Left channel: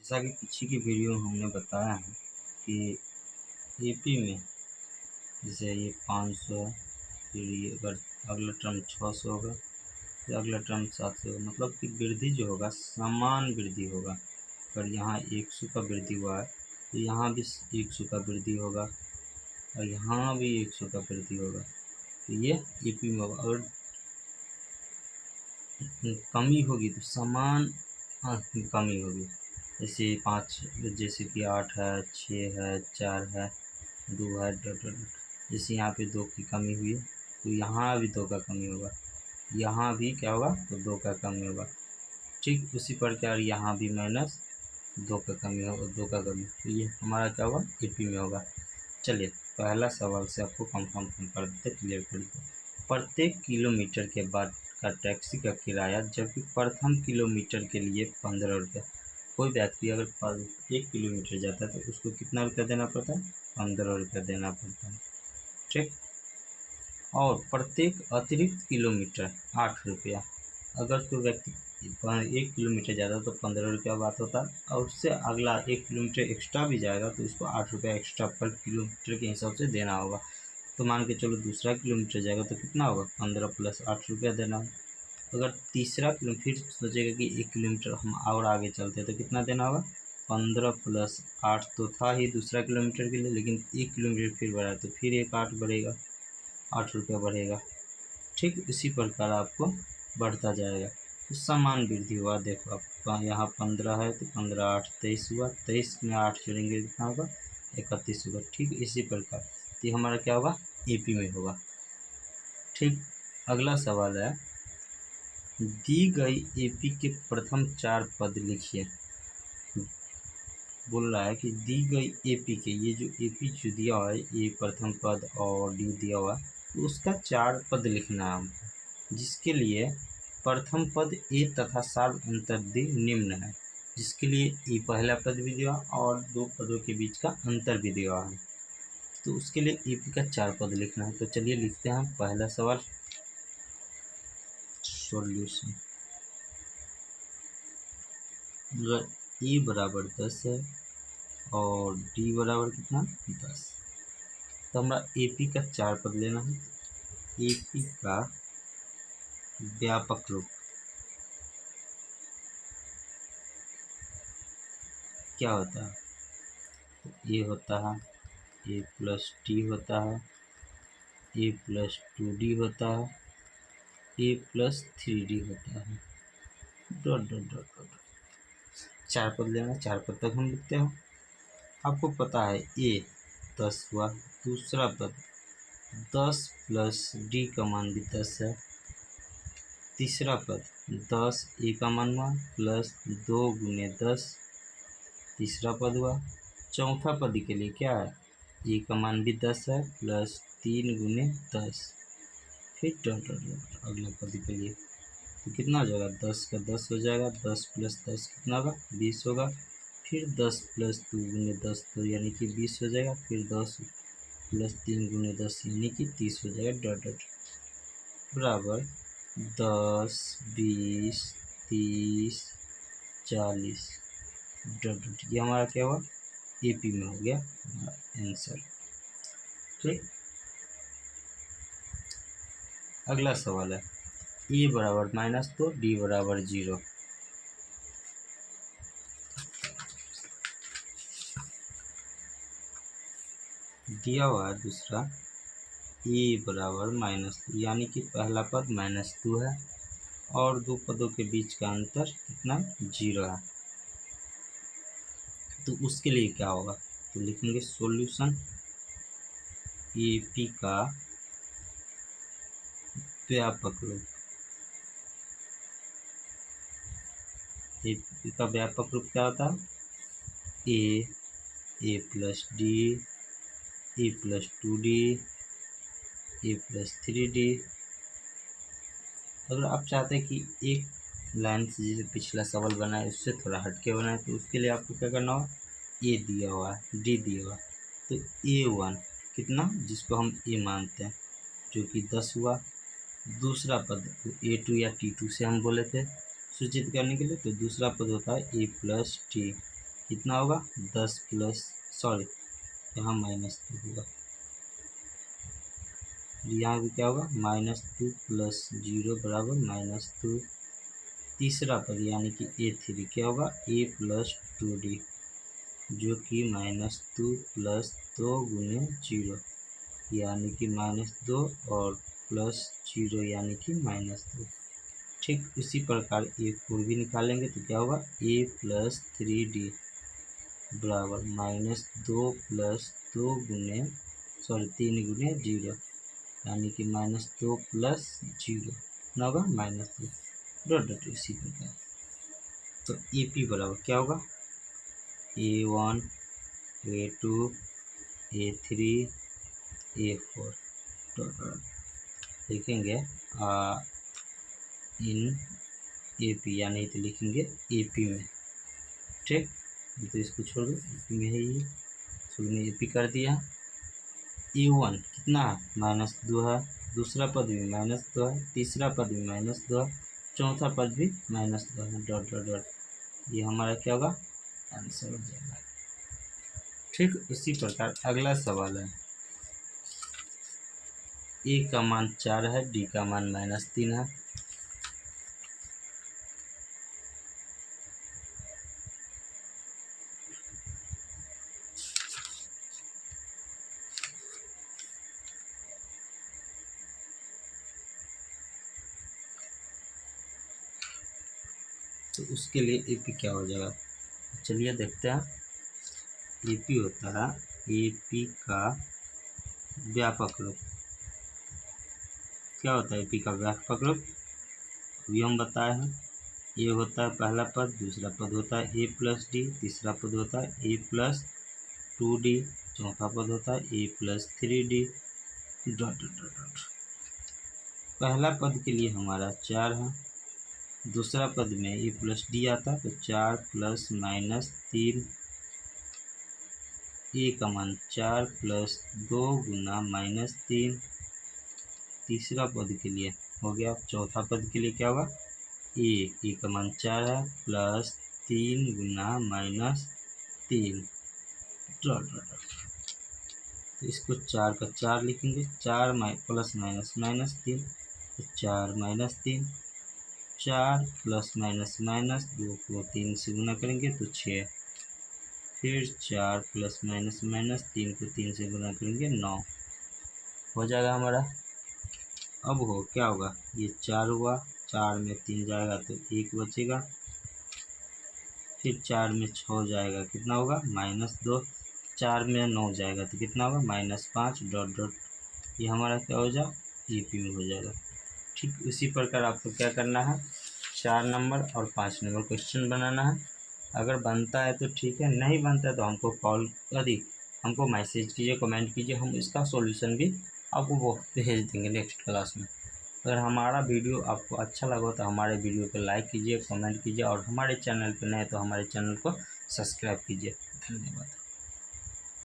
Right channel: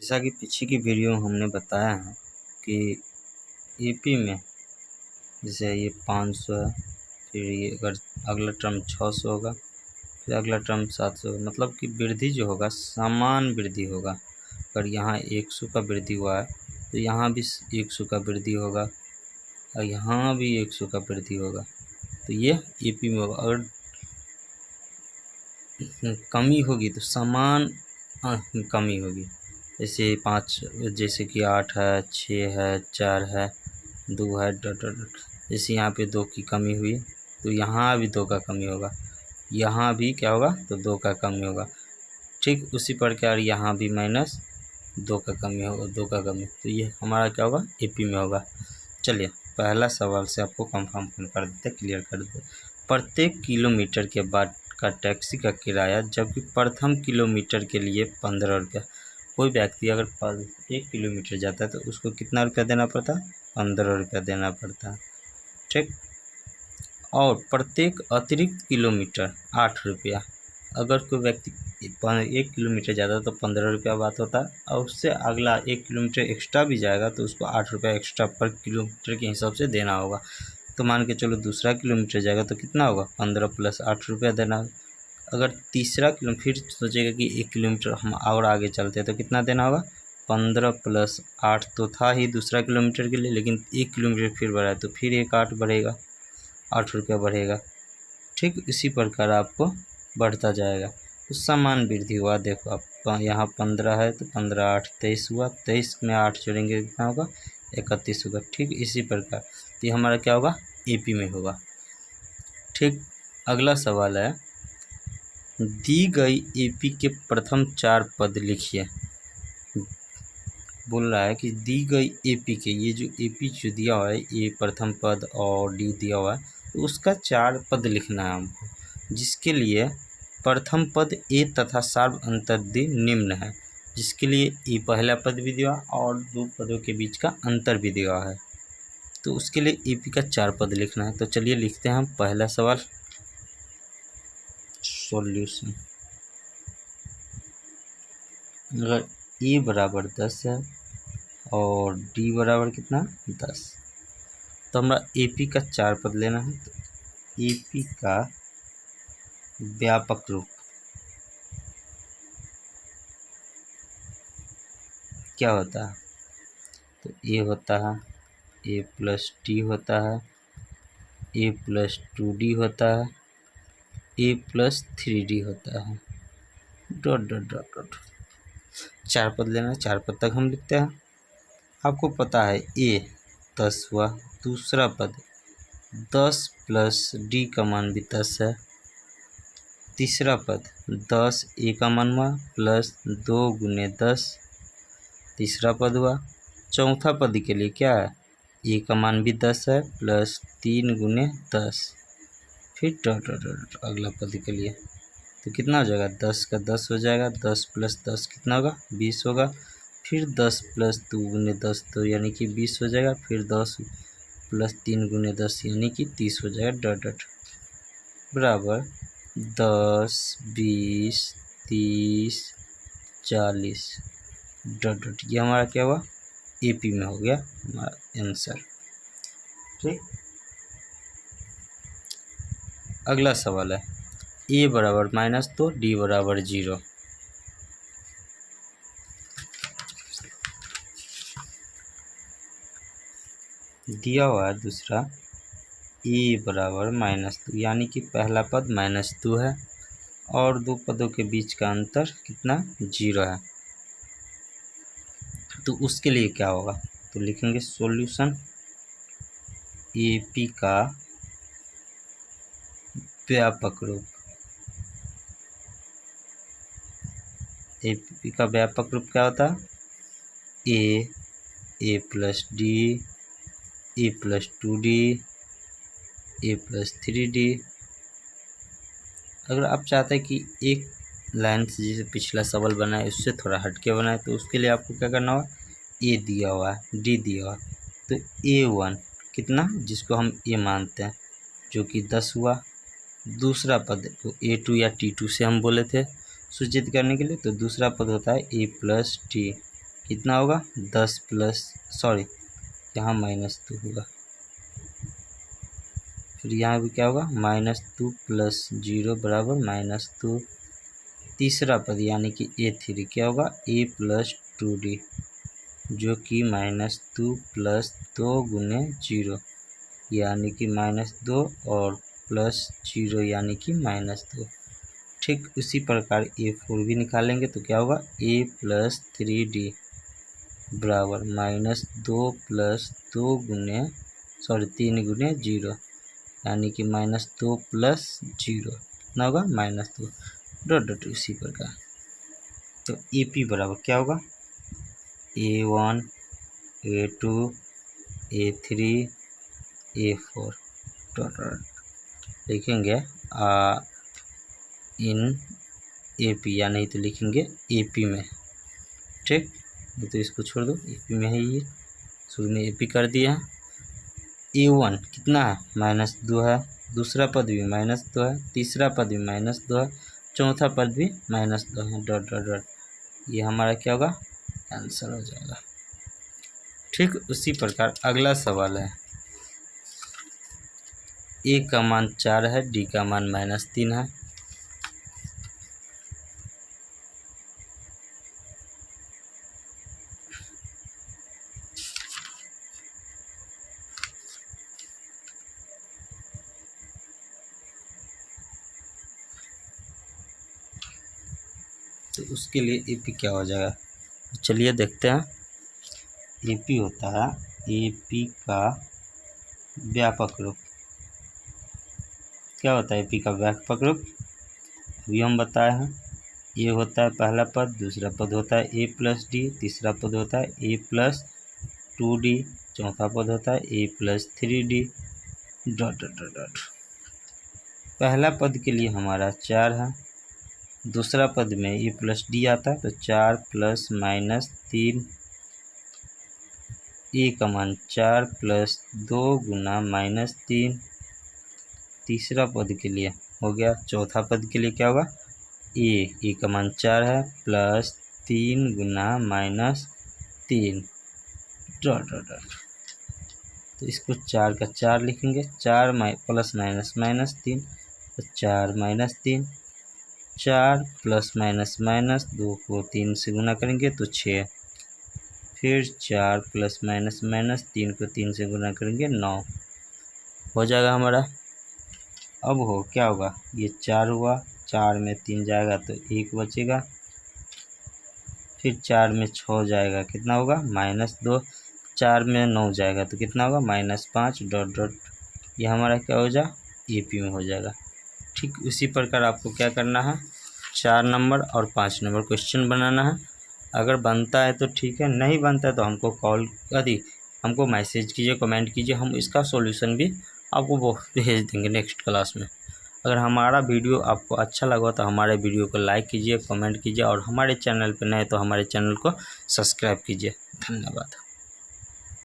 जैसा कि पीछे की वीडियो में हमने बताया है कि ईपी में जैसे ये 500 है, फिर ये अगर अगला टर्म 600 होगा, फिर अगला टर्म 700 होगा, मतलब कि वृद्धि जो होगा समान वृद्धि होगा। अगर यहाँ 100 का वृद्धि हुआ है तो यहाँ भी 100 का वृद्धि होगा और यहाँ भी 100 का वृद्धि होगा। तो ये ईपी में होगा। अगर कमी होगी तो समान कमी होगी। जैसे 5, जैसे कि 8 है, 6 है, 4 है, 2 है, डॉट डॉट डॉट। जैसे यहाँ पे 2 की कमी हुई तो यहाँ भी 2 का कमी होगा, यहाँ भी क्या होगा तो 2 का कमी होगा। ठीक उसी प्रकार यहाँ भी -2 का कमी होगा, 2 का कमी। तो ये हमारा क्या होगा एपी में होगा। चलिए पहला सवाल से आपको कंफर्म कर देते, क्लियर कर देते। प्रत्येक किलोमीटर के बाद का टैक्सी का किराया जबकि प्रथम किलोमीटर के लिए 15 रुपया। कोई व्यक्ति अगर 1 किलोमीटर जाता है तो उसको कितना रुपया देना पड़ता है? 15 रुपया देना पड़ता है। ठीक। और प्रत्येक अतिरिक्त किलोमीटर 8 रुपया। अगर कोई व्यक्ति 1 किलोमीटर जाता है तो 15 रुपया बात होता है, और उससे अगला 1 किलोमीटर एक्स्ट्रा भी जाएगा तो उसको 8 रुपया एक्स्ट्रा पर किलोमीटर के हिसाब से देना होगा। तो मान के चलो दूसरा किलोमीटर जाएगा तो कितना होगा? 15 + 8 रुपया देना होगा। अगर तीसरा किलो फिर सोचेगा कि 1 किलोमीटर हम और आगे चलते हैं तो कितना देना होगा? 15 + 8 तो था ही दूसरा किलोमीटर के लिए, लेकिन 1 किलोमीटर फिर बढ़ा है तो फिर एक 8 बढ़ेगा, 8 रुपया बढ़ेगा। ठीक इसी प्रकार आपको बढ़ता जाएगा। तो समान वृद्धि हुआ। देखो आप यहाँ 15 है तो 15 8 23 हुआ, 23 में 8 जोड़ेंगे कितना होगा? 31 होगा। ठीक इसी प्रकार तो ये हमारा क्या होगा? एपी में होगा। ठीक। अगला सवाल है, दी गई एपी के प्रथम 4 पद लिखिए। बोल रहा है कि दी गई एपी के, ये जो एपी जो दिया हुआ है, ए प्रथम पद और डी दिया हुआ है, तो उसका 4 पद लिखना है हमको, जिसके लिए प्रथम पद ए तथा सार्व अंतर दी निम्न है। जिसके लिए ए पहला पद भी दिया और 2 पदों के बीच का अंतर भी दिया है। तो उसके लिए एपी का 4 पद लिखना है। तो चलिए लिखते हैं हम पहला सवाल। सॉल्यूशन। अगर ए बराबर 10 है और डी बराबर कितना? 10, तो हमारा एपी का 4 पद लेना है। तो एपी का व्यापक रूप क्या होता है? तो ए होता है, ए + टी होता है, ए + 2डी होता है, ए + 3डी होता है, डॉट डॉट डॉट डॉट। 4 पद लेना है, 4 पद तक हम लिखते हैं। आपको पता है ए 10 हुआ, दूसरा पद 10 + डी का मान भी 10 है, तीसरा पद 10 ए का मान हुआ +2 × 10 तीसरा पद हुआ। चौथा पद के लिए क्या है? ए का मान भी 10 है +3 × 10, फिर डॉट डॉट डॉट अगला पद के लिए। तो कितना हो जाएगा? 10 का 10 हो जाएगा, 10 + 10 कितना होगा? 20 होगा। फिर 10 + 2 × 10 तो यानी कि 20 हो जाएगा, फिर 10 + 3 × 10 यानी कि 30 हो जाएगा, डॉट डॉट बराबर 10 20 30 40 डॉट डॉट। ये हमारा क्या हुआ? एपी में हो गया हमारा आंसर। ठीक। अगला सवाल है, ए बराबर -2 डी बराबर 0। दिया हुआ है दूसरा ए बराबर -2, यानी कि पहला पद -2 है और 2 पदों के बीच का अंतर कितना? 0 है। तो उसके लिए क्या होगा? तो लिखेंगे सॉल्यूशन एपी का व्यापक रूप। एपी का व्यापक रूप क्या होता है? ए + डी, ए + 2डी, ए + 3डी। अगर आप चाहते हैं कि एक लाइन से जैसे पिछला सवाल बनाए उससे थोड़ा हटके बनाए तो उसके लिए आपको क्या करना होगा? ए दिया हुआ है, डी दिया हुआ है, तो A1 कितना, जिसको हम ए मानते हैं, जो कि 10 हुआ। दूसरा पद को A2 या T2 से हम बोले थे सूचित करने के लिए, तो दूसरा पद होता है A + T। कितना होगा 10 प्लस यहाँ -2 होगा। फिर यहाँ भी क्या होगा -2 प्लस 0 बराबर -2। तीसरा पद यानी कि A3 क्या होगा A प्लस 2D, जो कि -2 प्लस 2 गुने 0 यानी कि -2 और प्लस 0 यानी कि -2। ठीक उसी प्रकार A4 भी निकालेंगे तो क्या होगा A प्लस 3D बराबर -2 प्लस 2 गुने 3 गुने 0 यानी कि -2 प्लस 0 कितना होगा -2 डॉट इसी प्रकार। तो AP बराबर क्या होगा A1 A2 A3 A4 dot लिखेंगे इन AP या नहीं तो लिखेंगे AP में। ठीक तो इसको छोड़ दो, AP में है ये, शुरू में AP कर दिया। A1 कितना है -2 है, दूसरा पद भी -2 है, तीसरा पद भी -2 है, चौथा पद भी -2 है डॉट डॉट डॉट। ये हमारा क्या होगा आंसर हो जाएगा। ठीक उसी प्रकार अगला सवाल है A का मान 4 है, D का मान -3 है। तो उसके लिए AP क्या हो जाएगा, चलिए देखते हैं। AP होता है AP का व्यापक रूप। क्या होता है AP का व्यापक रूप, अभी हम बताए हैं। ये होता है पहला पद, दूसरा पद होता है A प्लस D, तीसरा पद होता है A प्लस 2D, चौथा पद होता है A plus 3D dot dot dot. पहला पद के लिए हमारा 4 है, दूसरा पद में A प्लस D आता है तो 4 प्लस -3, A का मान 4 प्लस 2 गुना -3। तीसरा पद के लिए हो गया, चौथा पद के लिए क्या होगा A का मान 4 है प्लस 3 गुना -3 डॉट डॉट डॉट। तो इसको 4 का 4 लिखेंगे, 4 प्लस -3 तो 4 -3, 4 प्लस -2 को 3 से गुना करेंगे तो 6, फिर 4 प्लस -3 को 3 से गुना करेंगे 9 हो जाएगा हमारा। अब हो क्या होगा ये 4 हुआ, 4 में 3 जाएगा तो 1 बचेगा, फिर 4 में 6 जाएगा कितना होगा -2, 4 में 9 जाएगा तो कितना होगा -5 डॉट डॉट। ये हमारा क्या हो जाए AP में हो जाएगा। ठीक उसी प्रकार आपको क्या करना है 4 नंबर और 5 नंबर क्वेश्चन बनाना है। अगर बनता है तो ठीक है, नहीं बनता है तो हमको हमको मैसेज कीजिए, कमेंट कीजिए, हम इसका सॉल्यूशन भी आपको वो भेज देंगे नेक्स्ट क्लास में। अगर हमारा वीडियो आपको अच्छा लगा तो हमारे वीडियो को लाइक कीजिए, कमेंट कीजिए और हमारे चैनल पर नए तो हमारे चैनल को सब्सक्राइब कीजिए। धन्यवाद।